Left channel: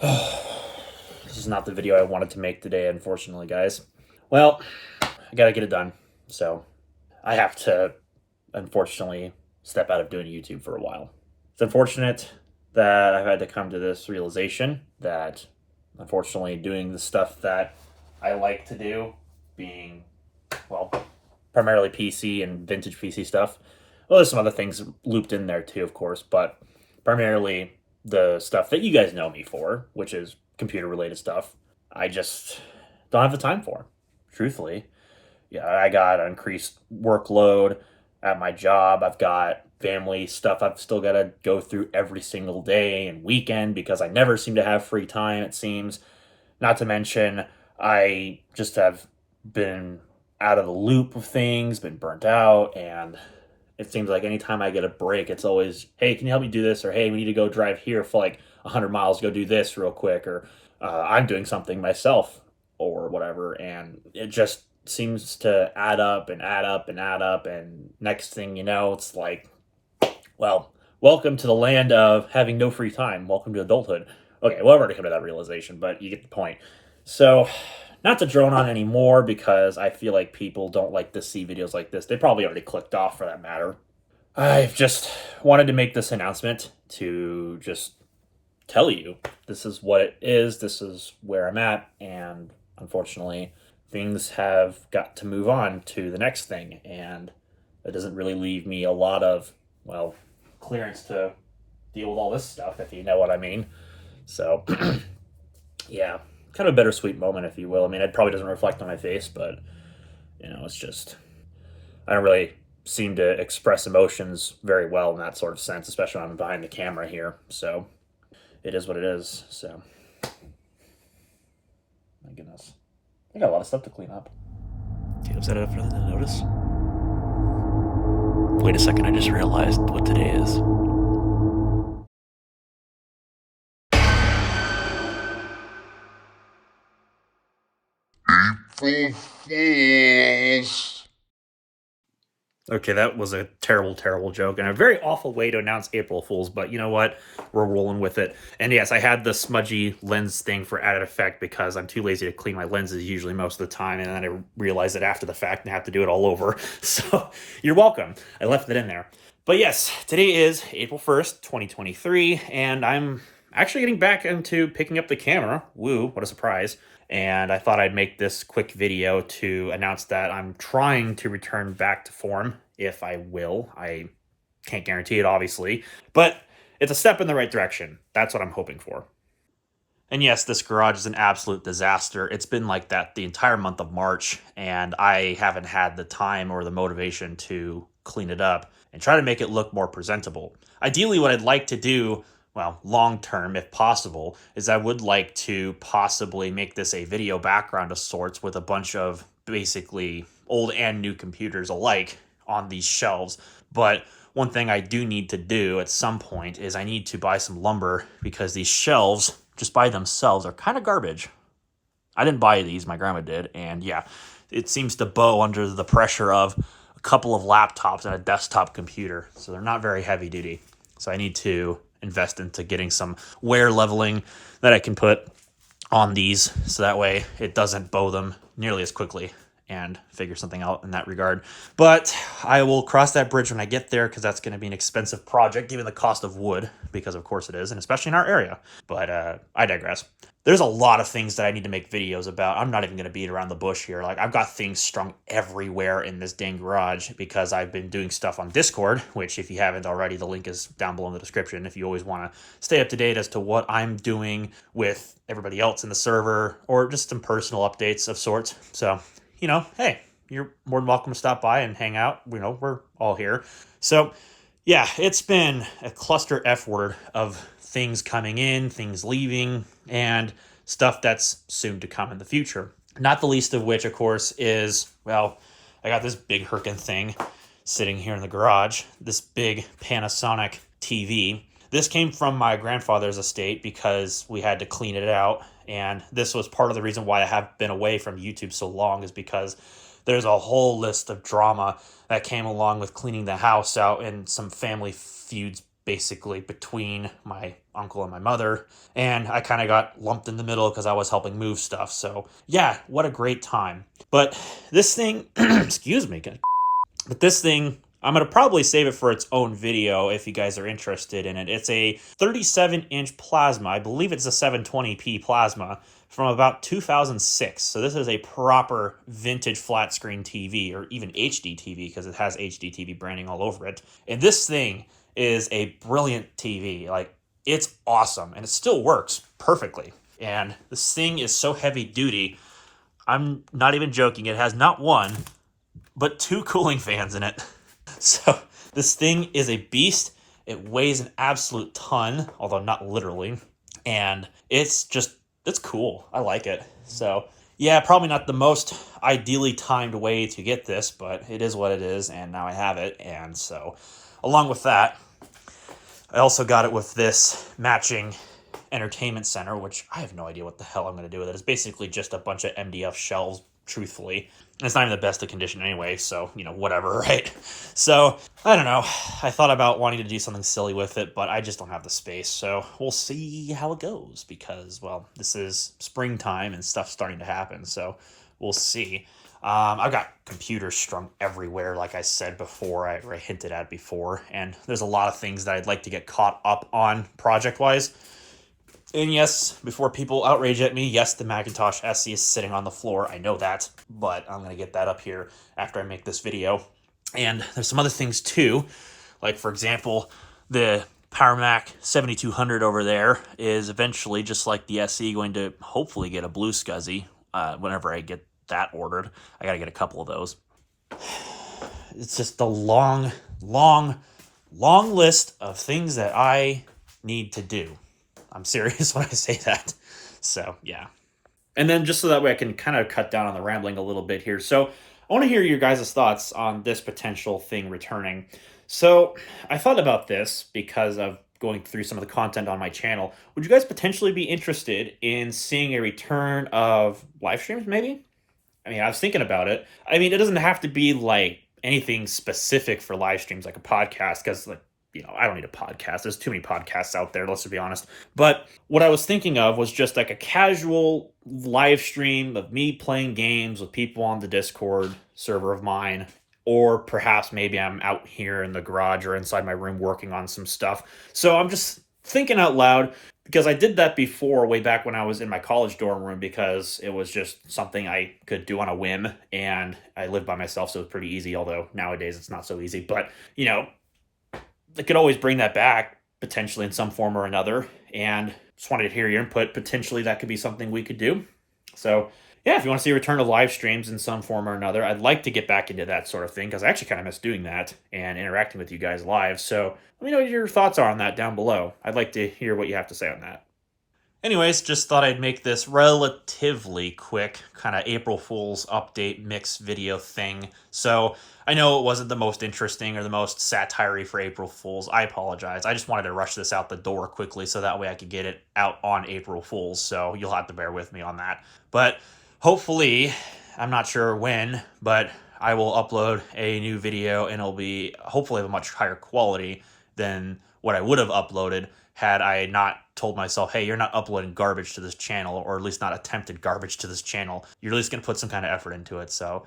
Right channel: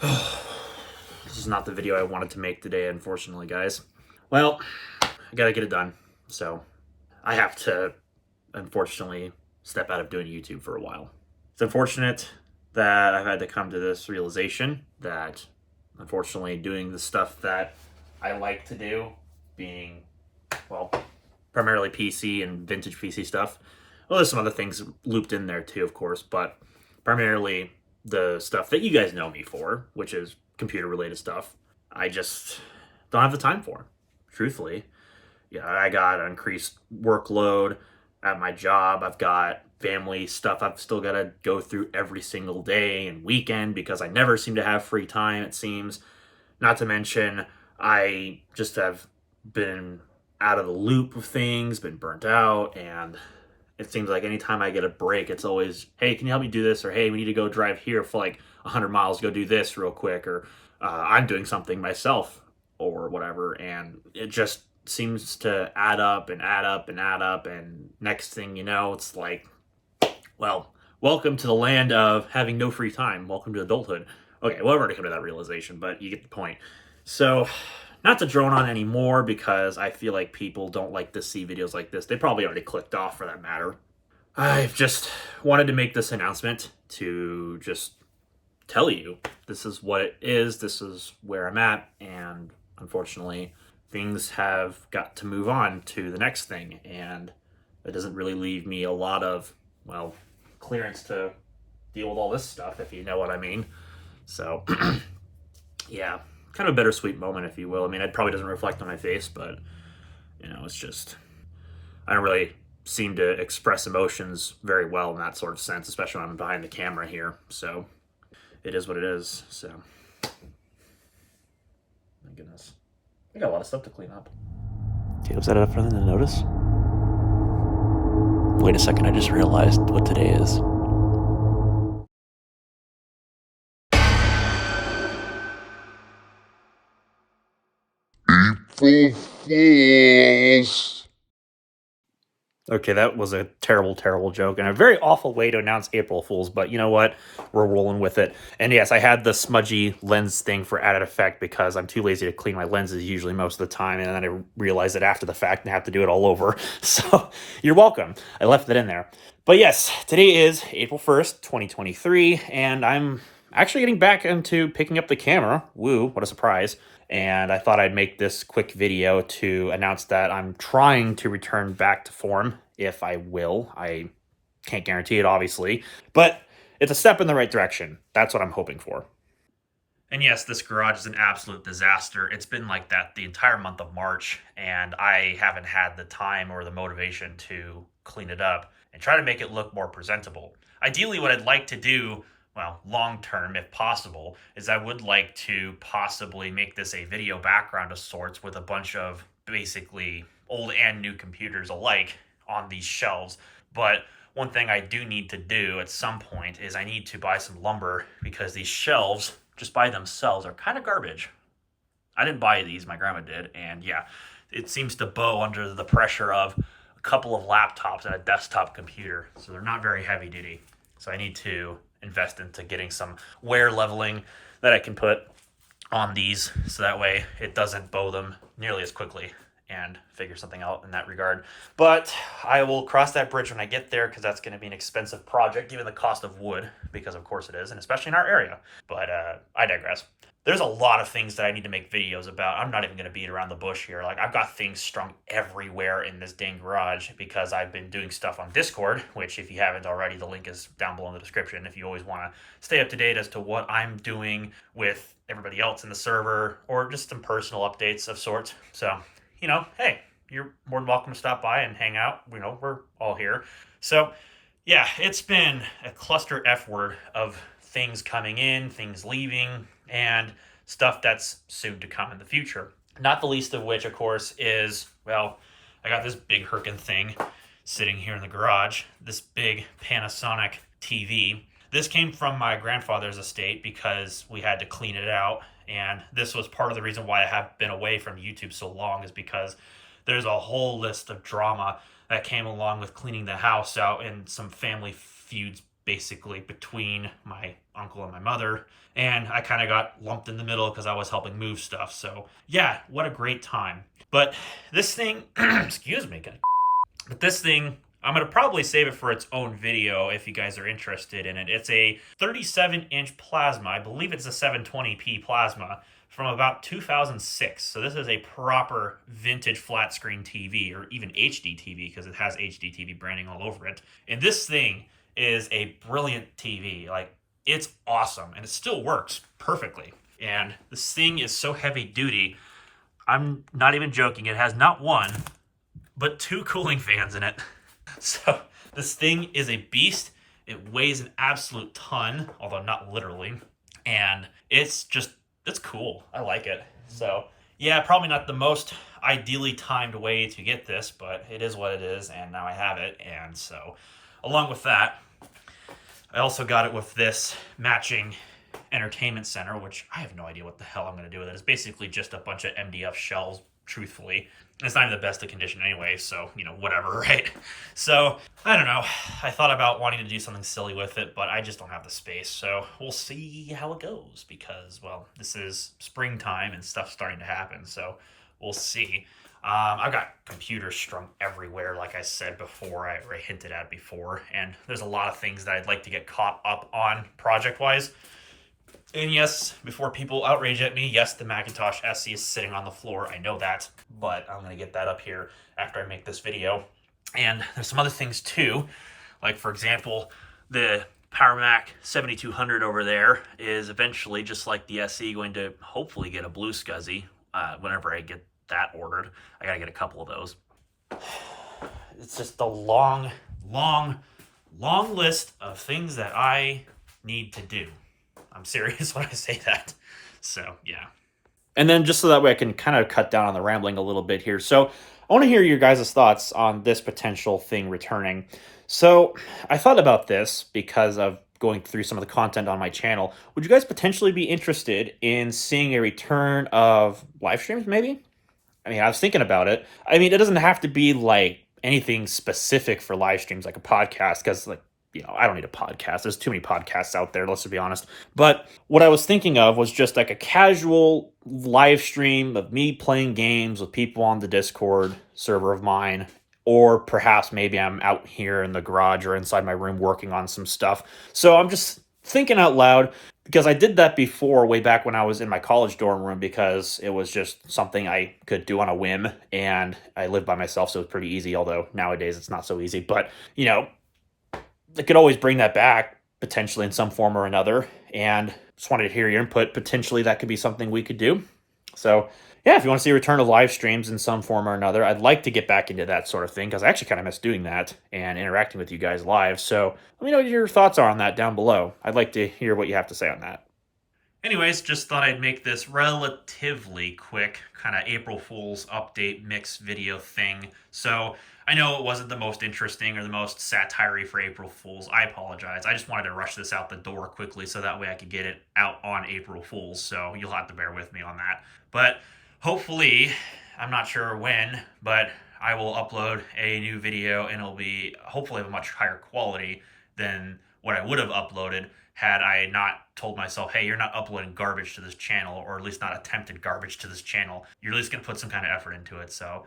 This is not the video I wanted to make today, unfortunately, guys. Well, I gotta get it done. So I have to, unfortunately, step out of doing YouTube for a while. It's unfortunate that I've had to come to this realization that, unfortunately, doing the stuff that I like to do, being, well, primarily PC and vintage PC stuff. Well, there's some other things looped in there too, of course, but primarily the stuff that you guys know me for, which is computer related stuff. I just don't have the time for, truthfully. Yeah, I got an increased workload at my job. I've got family stuff I've still got to go through every single day and weekend because I never seem to have free time, it seems. Not to mention, I just have been out of the loop of things, been burnt out, and it seems like anytime I get a break, it's always, hey, can you help me do this? Or hey, we need to go drive here for like 100 miles, go do this real quick. Or I'm doing something myself or whatever. And it just seems to add up and add up and add up. And next thing you know, it's like, well, welcome to the land of having no free time. Welcome to adulthood. Okay, well, I've already come to that realization, but you get the point. So, not to drone on anymore because I feel like people don't like to see videos like this. They probably already clicked off for that matter. I've just wanted to make this announcement to just tell you this is what it is, this is where I'm at, and unfortunately, things have got to move on to the next thing, and it doesn't really leave me a lot of, well, clearance to deal with all this stuff, if you know what I mean. So, yeah, kind of a bittersweet moment, if you will. I mean, it probably doesn't reflect on my face, but, it's just, I don't really seem to express emotions very well in that sort of sense, especially when I'm behind the camera here. So, it is what it is. So, my goodness. I got a lot of stuff to clean up. Was that enough for them to notice? Wait a second, I just realized what today is. April Fools. Okay, that was a terrible, terrible joke and a very awful way to announce April Fools, but you know what? We're rolling with it. And yes, I had the smudgy lens thing for added effect because I'm too lazy to clean my lenses usually most of the time, and then I realized it after the fact and have to do it all over. So you're welcome. I left it in there. But yes, today is April 1st, 2023, and I'm actually getting back into picking up the camera. Woo, what a surprise. And I thought I'd make this quick video to announce that I'm trying to return back to form, if I will. I can't guarantee it, obviously, but it's a step in the right direction. That's what I'm hoping for. And yes, this garage is an absolute disaster. It's been like that the entire month of March, and I haven't had the time or the motivation to clean it up and try to make it look more presentable. Ideally, what I'd like to do, well, long term, if possible, is I would like to possibly make this a video background of sorts with a bunch of basically old and new computers alike on these shelves. But one thing I do need to do at some point is I need to buy some lumber because these shelves just by themselves are kind of garbage. I didn't buy these, my grandma did, and yeah, it seems to bow under the pressure of a couple of laptops and a desktop computer, so they're not very heavy duty. So I need to invest into getting some wear leveling that I can put on these so that way it doesn't bow them nearly as quickly, and figure something out in that regard. But I will cross that bridge when I get there because that's going to be an expensive project given the cost of wood, because of course it is, and especially in our area. But I digress. There's a lot of things that I need to make videos about. I'm not even going to beat around the bush here. Like, I've got things strung everywhere in this dang garage because I've been doing stuff on Discord, which if you haven't already, the link is down below in the description if you always want to stay up to date as to what I'm doing with everybody else in the server, or just some personal updates of sorts. So, hey, you're more than welcome to stop by and hang out. We're all here. So, yeah, it's been a cluster F word of things coming in, things leaving, and stuff that's soon to come in the future. Not the least of which, of course, is, well, I got this big herkin thing sitting here in the garage, this big Panasonic TV. This came from my grandfather's estate because we had to clean it out, and this was part of the reason why I have been away from YouTube so long, is because there's a whole list of drama that came along with cleaning the house out and some family feuds basically between my uncle and my mother, and I kind of got lumped in the middle because I was helping move stuff. So yeah, what a great time. But this thing, excuse me, good. But this thing, I'm going to probably save it for its own video if you guys are interested in it. It's a 37-inch plasma. I believe it's a 720p plasma from about 2006. So this is a proper vintage flat screen TV, or even HD TV, because it has HD TV branding all over it. And this thing is a brilliant TV. Like, it's awesome, and it still works perfectly. And this thing is so heavy duty, I'm not even joking. It has not one, but 2 cooling fans in it. So this thing is a beast. It weighs an absolute ton, although not literally. And it's cool. I like it. So yeah, probably not the most ideally timed way to get this, but it is what it is, and now I have it. And so along with that, I also got it with this matching entertainment center, which I have no idea what the hell I'm going to do with it. It's basically just a bunch of MDF shells, truthfully. It's not even the best of condition anyway, so, you know, whatever, right? So, I don't know. I thought about wanting to do something silly with it, but I just don't have the space, so we'll see how it goes, because, well, this is springtime and stuff's starting to happen, so we'll see. I've got computers strung everywhere, like I said before, or I hinted at before, and there's a lot of things that I'd like to get caught up on project-wise. And yes, before people outrage at me, yes, the Macintosh SE is sitting on the floor. I know that, but I'm going to get that up here after I make this video. And there's some other things too. Like, for example, the Power Mac 7200 over there is eventually, just like the SE, going to hopefully get a blue SCSI whenever I get that ordered. I got to get a couple of those. It's just a long list of things that I need to do. I'm serious when I say that. So, yeah. And then just so that way I can kind of cut down on the rambling a little bit here. So, I want to hear your guys' thoughts on this potential thing returning. So, I thought about this because of going through some of the content on my channel. Would you guys potentially be interested in seeing a return of live streams, maybe? I mean, I was thinking about it. I mean, it doesn't have to be like anything specific for live streams, like a podcast, because, like, you know, I don't need a podcast. There's too many podcasts out there, let's just be honest. But what I was thinking of was just like a casual live stream of me playing games with people on the Discord server of mine. Or perhaps maybe I'm out here in the garage or inside my room working on some stuff. So I'm just thinking out loud, because I did that before, way back when I was in my college dorm room, because it was just something I could do on a whim. And I lived by myself, so it was pretty easy, although nowadays it's not so easy. But, you know, I could always bring that back, potentially in some form or another, and just wanted to hear your input. Potentially that could be something we could do. So, yeah, if you want to see a return of live streams in some form or another, I'd like to get back into that sort of thing, because I actually kind of miss doing that and interacting with you guys live. So let me know what your thoughts are on that down below. I'd like to hear what you have to say on that. Anyways, just thought I'd make this relatively quick kind of April Fool's update mix video thing. So I know it wasn't the most interesting or the most satire-y for April Fool's. I apologize. I just wanted to rush this out the door quickly so that way I could get it out on April Fool's. So you'll have to bear with me on that. But hopefully, I'm not sure when, but I will upload a new video, and it'll be hopefully of a much higher quality than what I would have uploaded had I not told myself, hey, you're not uploading garbage to this channel, or at least not attempted garbage to this channel. You're at least going to put some kind of effort into it. So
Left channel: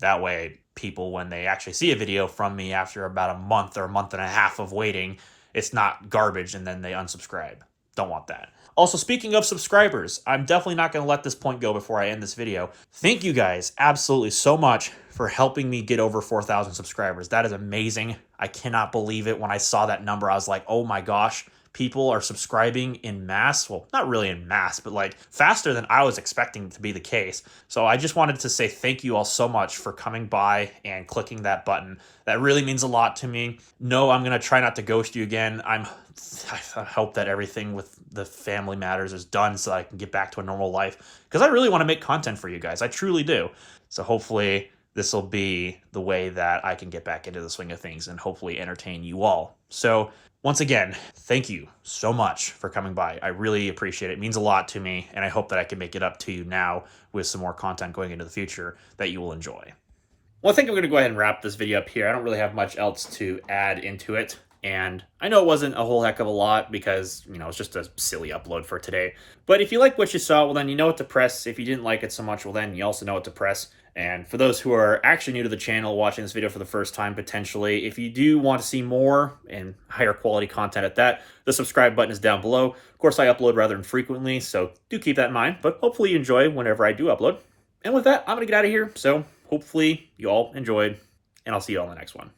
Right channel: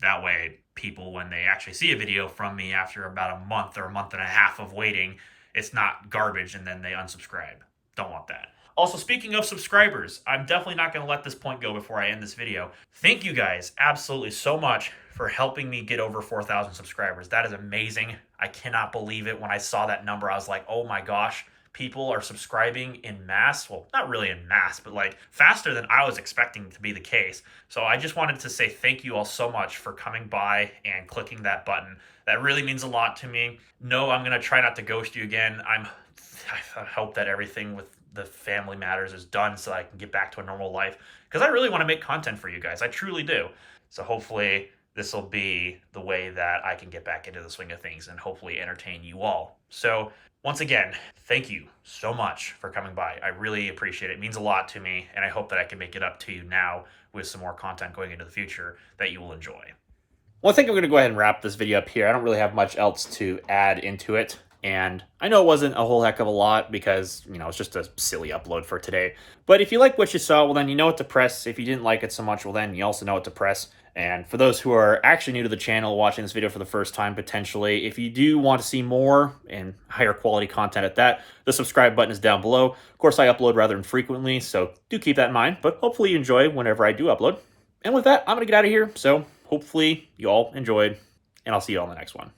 that way people, when they actually see a video from me after about a month or a month and a half of waiting, it's not garbage and then they unsubscribe. Don't want that. Also, speaking of subscribers, I'm definitely not going to let this point go before I end this video. Thank you guys absolutely so much for helping me get over 4,000 subscribers. That is amazing. I cannot believe it. When I saw that number, I was like, oh my gosh, people are subscribing in mass. Well, not really in mass, but like faster than I was expecting to be the case. So I just wanted to say thank you all so much for coming by and clicking that button. That really means a lot to me. No, I'm going to try not to ghost you again. I hope that everything with the family matters is done so I can get back to a normal life, because I really want to make content for you guys. I truly do. So hopefully this will be the way that I can get back into the swing of things and hopefully entertain you all. So once again, thank you so much for coming by. I really appreciate it. It means a lot to me, and I hope that I can make it up to you now with some more content going into the future that you will enjoy. Well, I think I'm going to go ahead and wrap this video up here. I don't really have much else to add into it. And I know it wasn't a whole heck of a lot because, it's just a silly upload for today. But if you like what you saw, well, then you know what to press. If you didn't like it so much, well, then you also know what to press. And for those who are actually new to the channel, watching this video for the first time, potentially, if you do want to see more and higher quality content at that, the subscribe button is down below. Of course, I upload rather infrequently, so do keep that in mind. But hopefully you enjoy whenever I do upload. And with that, I'm going to get out of here. So hopefully you all enjoyed, and I'll see you all in the next one.